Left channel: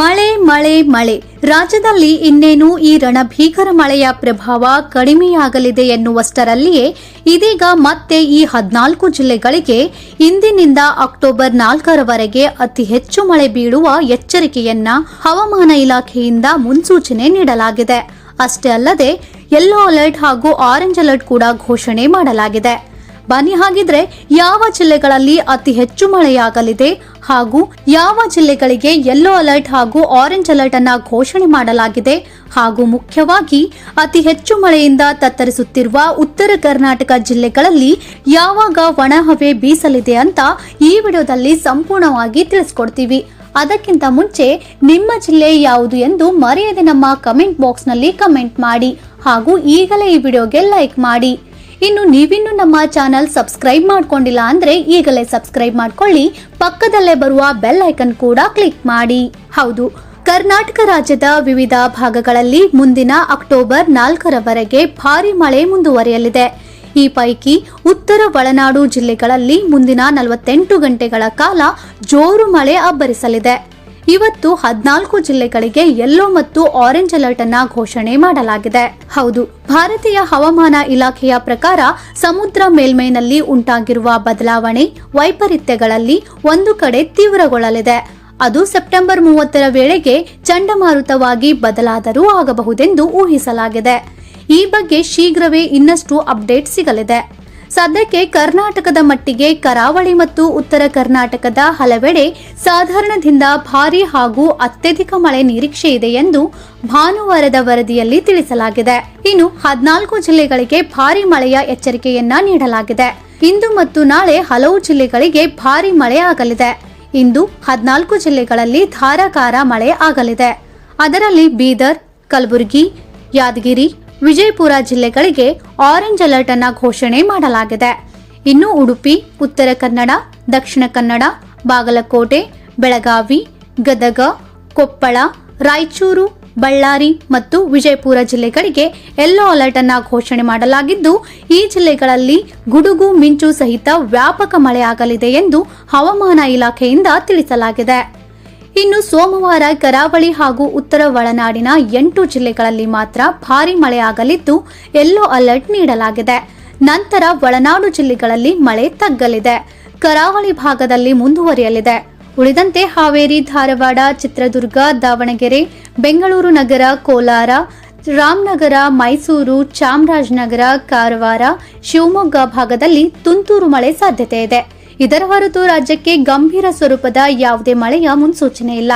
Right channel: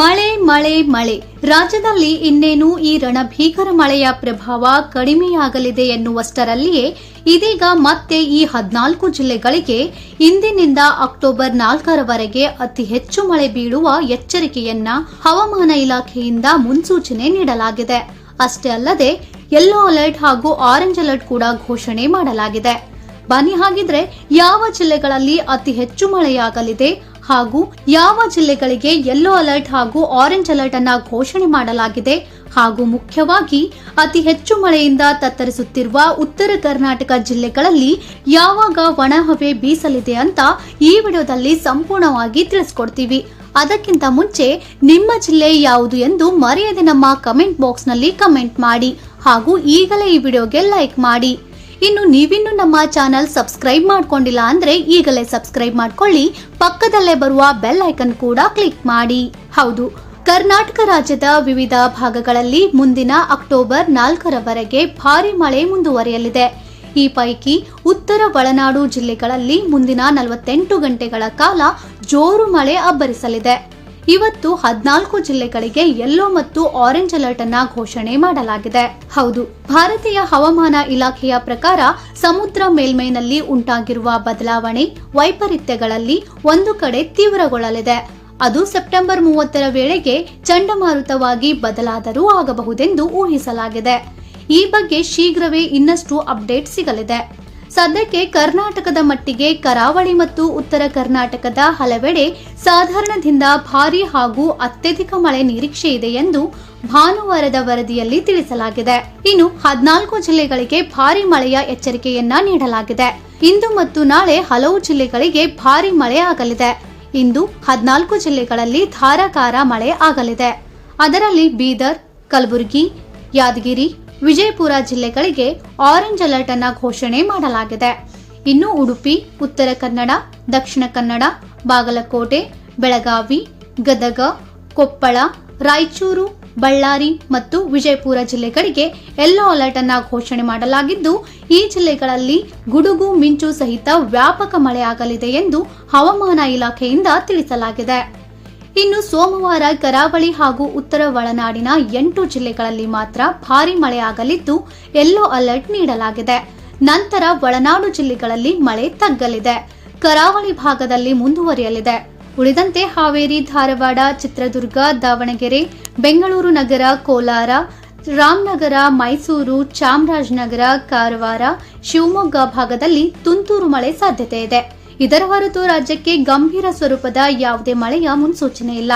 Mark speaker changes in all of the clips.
Speaker 1: ಮಳೆ ಮಳೆ ಮಳೆ. ರಾಜ್ಯದಲ್ಲಿ ಇನ್ನೇನು ಈ ರಣಭೀಕರ ಮಳೆಯ ಪ್ರಭಾವ ಕಡಿಮೆಯಾಗಲಿದೆ ಎನ್ನುವಷ್ಟರಲ್ಲಿಯೇ ಇದೀಗ ಮತ್ತೆ ಈ ಹದಿನಾಲ್ಕು ಜಿಲ್ಲೆಗಳಿಗೆ ಇಂದಿನಿಂದ ಅಕ್ಟೋಬರ್ ನಾಲ್ಕರವರೆಗೆ ಅತಿ ಹೆಚ್ಚು ಮಳೆ ಬೀಳುವ ಎಚ್ಚರಿಕೆಯನ್ನ ಹವಾಮಾನ ಇಲಾಖೆಯಿಂದ ಮುನ್ಸೂಚನೆ ನೀಡಲಾಗಿದೆ. ಅಷ್ಟೇ ಅಲ್ಲದೆ ಯೆಲ್ಲೋ ಅಲರ್ಟ್ ಹಾಗೂ ಆರೆಂಜ್ ಅಲರ್ಟ್ ಕೂಡ ಘೋಷಣೆ ಮಾಡಲಾಗಿದೆ. ಬನ್ನಿ ಹಾಗಿದ್ರೆ ಯಾವ ಜಿಲ್ಲೆಗಳಲ್ಲಿ ಅತಿ ಹೆಚ್ಚು ಮಳೆಯಾಗಲಿದೆ? ಹಾಗೂ ಯಾವ ಜಿಲ್ಲೆಗಳಿಗೆ ಯೆಲ್ಲೋ ಅಲರ್ಟ್ ಹಾಗೂ ಆರೆಂಜ್ ಅಲರ್ಟ್ ಅನ್ನ ಘೋಷಣೆ ಮಾಡಲಾಗಿದೆ ಹಾಗೂ ಮುಖ್ಯವಾಗಿ ಅತಿ ಹೆಚ್ಚು ಮಳೆಯಿಂದ ತತ್ತರಿಸುತ್ತಿರುವ ಉತ್ತರ ಕರ್ನಾಟಕ ಜಿಲ್ಲೆಗಳಲ್ಲಿ ಯಾವಾಗ ಒಣಹವೆ ಬೀಸಲಿದೆ ಅಂತ ಈ ವಿಡಿಯೋದಲ್ಲಿ ಸಂಪೂರ್ಣವಾಗಿ ತಿಳಿಸ್ಕೊಡ್ತೀವಿ. ಅದಕ್ಕಿಂತ ಮುಂಚೆ ನಿಮ್ಮ ಜಿಲ್ಲೆ ಯಾವುದು ಎಂದು ಮರೆಯದೆ ನಮ್ಮ ಕಮೆಂಟ್ ಬಾಕ್ಸ್ನಲ್ಲಿ ಕಮೆಂಟ್ ಮಾಡಿ ಹಾಗೂ ಈಗಲೇ ಈ ವಿಡಿಯೋಗೆ ಲೈಕ್ ಮಾಡಿ. ಇನ್ನು ನೀವಿನ್ನು ನಮ್ಮ ಚಾನಲ್ ಸಬ್ಸ್ಕ್ರೈಬ್ ಮಾಡ್ಕೊಂಡಿಲ್ಲ ಅಂದ್ರೆ ಈಗಲೇ ಸಬ್ಸ್ಕ್ರೈಬ್ ಮಾಡ್ಕೊಳ್ಳಿ. ಪಕ್ಕದಲ್ಲೇ ಬರುವ ಬೆಲ್ ಐಕನ್ ಕೂಡ ಕ್ಲಿಕ್ ಮಾಡಿ. ಹೌದು, ಕರ್ನಾಟಕ ರಾಜ್ಯದ ವಿವಿಧ ಭಾಗಗಳಲ್ಲಿ ಮುಂದಿನ ಅಕ್ಟೋಬರ್ ನಾಲ್ಕರವರೆಗೆ ಭಾರಿ ಮಳೆ ಮುಂದುವರಿಯಲಿದೆ. ಈ ಪೈಕಿ ಉತ್ತರ ಒಳನಾಡು ಜಿಲ್ಲೆಗಳಲ್ಲಿ ಮುಂದಿನ ನಲವತ್ತೆಂಟು ಗಂಟೆಗಳ ಕಾಲ ಜೋರು ಮಳೆ ಅಬ್ಬರಿಸಲಿದೆ. ಇವತ್ತು ಹದಿನಾಲ್ಕು ಜಿಲ್ಲೆಗಳಿಗೆ ಯೆಲ್ಲೋ ಮತ್ತು ಆರೆಂಜ್ ಅಲರ್ಟ್ ಅನ್ನ ಘೋಷಣೆ ಮಾಡಲಾಗಿದೆ. ಹೌದು, ಭಾರತೀಯ ಹವಾಮಾನ ಇಲಾಖೆಯ ಪ್ರಕಾರ ಸಮುದ್ರ ಮೇಲ್ಮೈನಲ್ಲಿ ಉಂಟಾಗಿರುವ ಬದಲಾವಣೆ ವೈಪರೀತ್ಯಗಳಲ್ಲಿ ಒಂದು ಕಡೆ ತೀವ್ರಗೊಳ್ಳಲಿದೆ. ಅದು ಸೆಪ್ಟೆಂಬರ್ ಮೂವತ್ತರ ವೇಳೆಗೆ ಚಂಡಮಾರುತವಾಗಿ ಬದಲಾದರೂ ಆಗಬಹುದೆಂದು ಊಹಿಸಲಾಗಿದೆ. ಈ ಬಗ್ಗೆ ಶೀಘ್ರವೇ ಇನ್ನಷ್ಟು ಅಪ್ಡೇಟ್ ಸಿಗಲಿದೆ. ಸದ್ಯಕ್ಕೆ ಕರ್ನಾಟಕದ ಮಟ್ಟಿಗೆ ಕರಾವಳಿ ಮತ್ತು ಉತ್ತರ ಕರ್ನಾಟಕದ ಹಲವೆಡೆ ಸಾಧಾರಣದಿಂದ ಭಾರಿ ಹಾಗೂ ಅತ್ಯಧಿಕ ಮಳೆ ನಿರೀಕ್ಷೆ ಇದೆ ಎಂದು ಭಾನುವಾರದ ವರದಿಯಲ್ಲಿ ತಿಳಿಸಲಾಗಿದೆ. ಇನ್ನು ಹದಿನಾಲ್ಕು ಜಿಲ್ಲೆಗಳಿಗೆ ಭಾರಿ ಮಳೆಯ ಎಚ್ಚರಿಕೆಯನ್ನ ನೀಡಲಾಗಿದೆ. ಇಂದು ಮತ್ತು ನಾಳೆ ಹಲವು ಜಿಲ್ಲೆಗಳಿಗೆ ಭಾರಿ ಮಳೆ ಆಗಲಿದೆ. ಇಂದು ಹದಿನಾಲ್ಕು ಜಿಲ್ಲೆಗಳಲ್ಲಿ ಧಾರಾಕಾರ ಮಳೆ ಆಗಲಿದೆ. ಅದರಲ್ಲಿ ಬೀದರ್, ಕಲಬುರಗಿ, ಯಾದಗಿರಿ ವಿಜಯಪುರ ಜಿಲ್ಲೆಗಳಿಗೆ ಆರೆಂಜ್ ಅಲರ್ಟ್ ಅನ್ನ ಘೋಷಣೆ ಮಾಡಲಾಗಿದೆ. ಇನ್ನು ಉಡುಪಿ, ಉತ್ತರ ಕನ್ನಡ, ದಕ್ಷಿಣ ಕನ್ನಡ, ಬಾಗಲಕೋಟೆ, ಬೆಳಗಾವಿ, ಗದಗ, ಕೊಪ್ಪಳ, ರಾಯಚೂರು, ಬಳ್ಳಾರಿ ಮತ್ತು ವಿಜಯಪುರ ಜಿಲ್ಲೆಗಳಿಗೆ ಯೆಲ್ಲೋ ಅಲರ್ಟ್ ಅನ್ನ ಘೋಷಣೆ ಮಾಡಲಾಗಿದ್ದು, ಈ ಜಿಲ್ಲೆಗಳಲ್ಲಿ ಗುಡುಗು, ಮಿಂಚು ಸಹಿತ ವ್ಯಾಪಕ ಮಳೆಯಾಗಲಿದೆ ಎಂದು ಹವಾಮಾನ ಇಲಾಖೆಯಿಂದ ತಿಳಿಸಲಾಗಿದೆ. ಇನ್ನು ಸೋಮವಾರ ಕರಾವಳಿ ಹಾಗೂ ಉತ್ತರ ಒಳನಾಡಿನ ಎಂಟು ಜಿಲ್ಲೆಗಳಲ್ಲಿ ಮಾತ್ರ ಭಾರಿ ಮಳೆಯಾಗಲಿದ್ದು, ಯೆಲ್ಲೋ ಅಲರ್ಟ್ ನೀಡಲಾಗಿದೆ. ನಂತರ ಒಳನಾಡು ಜಿಲ್ಲೆಗಳಲ್ಲಿ ಮಳೆ ತಗ್ಗಲಿದೆ. ಕರಾವಳಿ ಭಾಗದಲ್ಲಿ ಮುಂದುವರಿಯಲಿದೆ. ಉಳಿದಂತೆ ಹಾವೇರಿ, ಧಾರವಾಡ, ಚಿತ್ರದುರ್ಗ, ದಾವಣಗೆರೆ, ಬೆಂಗಳೂರು ನಗರ, ಕೋಲಾರ, ರಾಮನಗರ, ಮೈಸೂರು, ಚಾಮರಾಜನಗರ, ಕಾರವಾರ, ಶಿವಮೊಗ್ಗ ಭಾಗದಲ್ಲಿ ತುಂತುರು ಮಳೆ ಸಾಧ್ಯತೆ ಇದೆ. ಇದರ ಹೊರತು ರಾಜ್ಯಕ್ಕೆ ಗಂಭೀರ ಸ್ವರೂಪದ ಯಾವುದೇ ಮಳೆಯ ಮುನ್ಸೂಚನೆ ಇಲ್ಲ.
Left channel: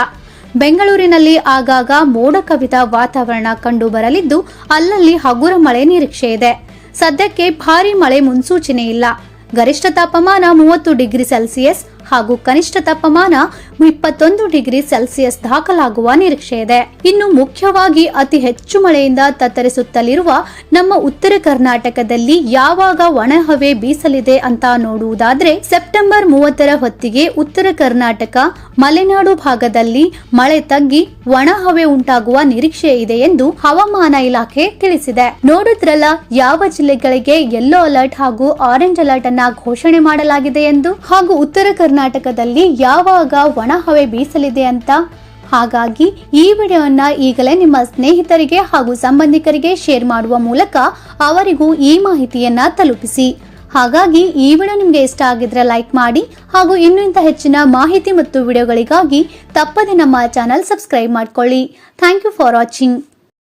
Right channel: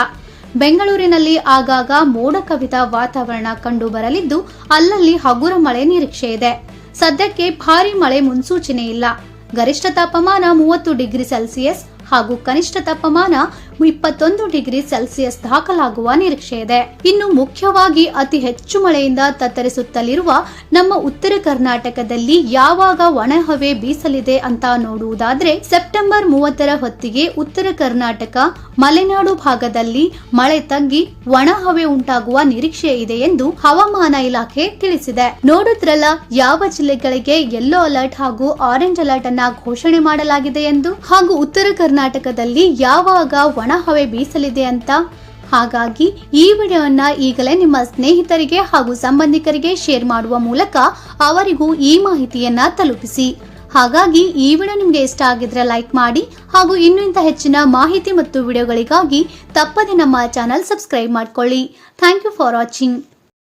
Speaker 1: ಬೆಂಗಳೂರಿನಲ್ಲಿ ಆಗಾಗ ಮೋಡ ಕವಿದ ವಾತಾವರಣ ಕಂಡು ಬರಲಿದ್ದು ಅಲ್ಲಲ್ಲಿ ಹಗುರ ಮಳೆ ನಿರೀಕ್ಷೆ ಇದೆ. ಸದ್ಯಕ್ಕೆ ಭಾರಿ ಮಳೆ ಮುನ್ಸೂಚನೆ ಇಲ್ಲ. ಗರಿಷ್ಠ ತಾಪಮಾನ ಮೂವತ್ತು ಡಿಗ್ರಿ ಸೆಲ್ಸಿಯಸ್ ಹಾಗೂ ಕನಿಷ್ಠ ತಾಪಮಾನ ಇಪ್ಪತ್ತೊಂದು ಡಿಗ್ರಿ ಸೆಲ್ಸಿಯಸ್ ದಾಖಲಾಗುವ ನಿರೀಕ್ಷೆ ಇದೆ. ಇನ್ನು ಮುಖ್ಯವಾಗಿ ಅತಿ ಹೆಚ್ಚು ಮಳೆಯಿಂದ ತತ್ತರಿಸುತ್ತಲಿರುವ ನಮ್ಮ ಉತ್ತರ ಕರ್ನಾಟಕದಲ್ಲಿ ಯಾವಾಗ ಒಣಹವೆ ಬೀಸಲಿದೆ ಅಂತ ನೋಡುವುದಾದ್ರೆ ಸೆಪ್ಟೆಂಬರ್ ಮೂವತ್ತರ ಹೊತ್ತಿಗೆ ಉತ್ತರ ಕರ್ನಾಟಕ, ಮಲೆನಾಡು ಭಾಗದಲ್ಲಿ ಮಳೆ ತಗ್ಗಿ ಒಣಹವೆ ಉಂಟಾಗುವ ನಿರೀಕ್ಷೆ ಇದೆ ಎಂದು ಹವಾಮಾನ ಇಲಾಖೆ ತಿಳಿಸಿದೆ. ನೋಡಿದ್ರಲ್ಲ, ಯಾವ ಜಿಲ್ಲೆಗಳಿಗೆ ಯೆಲ್ಲೋ ಅಲರ್ಟ್ ಹಾಗೂ ಆರೆಂಜ್ ಅಲರ್ಟ್ ಅನ್ನ ಘೋಷಣೆ ಮಾಡಲಾಗಿದೆ ಎಂದು? ಹಾಗೂ ಉತ್ತರ ಕರ್ನಾಟಕದಲ್ಲಿ ಯಾವಾಗ ಒಣಹವೆ ಬೀಸಲಿದೆ ಅಂತ? ಹಾಗಾಗಿ ಈ ವಿಡಿಯೋನ ಈಗಲೇ ನಿಮ್ಮ ಸ್ನೇಹಿತರಿಗೆ ಹಾಗೂ ಸಂಬಂಧಿಕರಿಗೆ ಶೇರ್ ಮಾಡುವ ಮೂಲಕ ಅವರಿಗೂ ಈ ಮಾಹಿತಿಯನ್ನ ತಲುಪಿಸಿ. ಹಾಗಾಗಿ ಈ ವಿಡಿಯೋ ನಿಮಗೆ ಇಷ್ಟ ಆಗಿದ್ರೆ ಲೈಕ್ ಮಾಡಿ ಹಾಗೂ ಇನ್ನೂ ಇಂಥ ಹೆಚ್ಚಿನ ಮಾಹಿತಿ ಮತ್ತು ವಿಡಿಯೋಗಳಿಗಾಗಿ ತಪ್ಪದೆ ನಮ್ಮ ಚಾನಲ್ ಸಬ್ಸ್ಕ್ರೈಬ್ ಮಾಡ್ಕೊಳ್ಳಿ. Thank you for watching.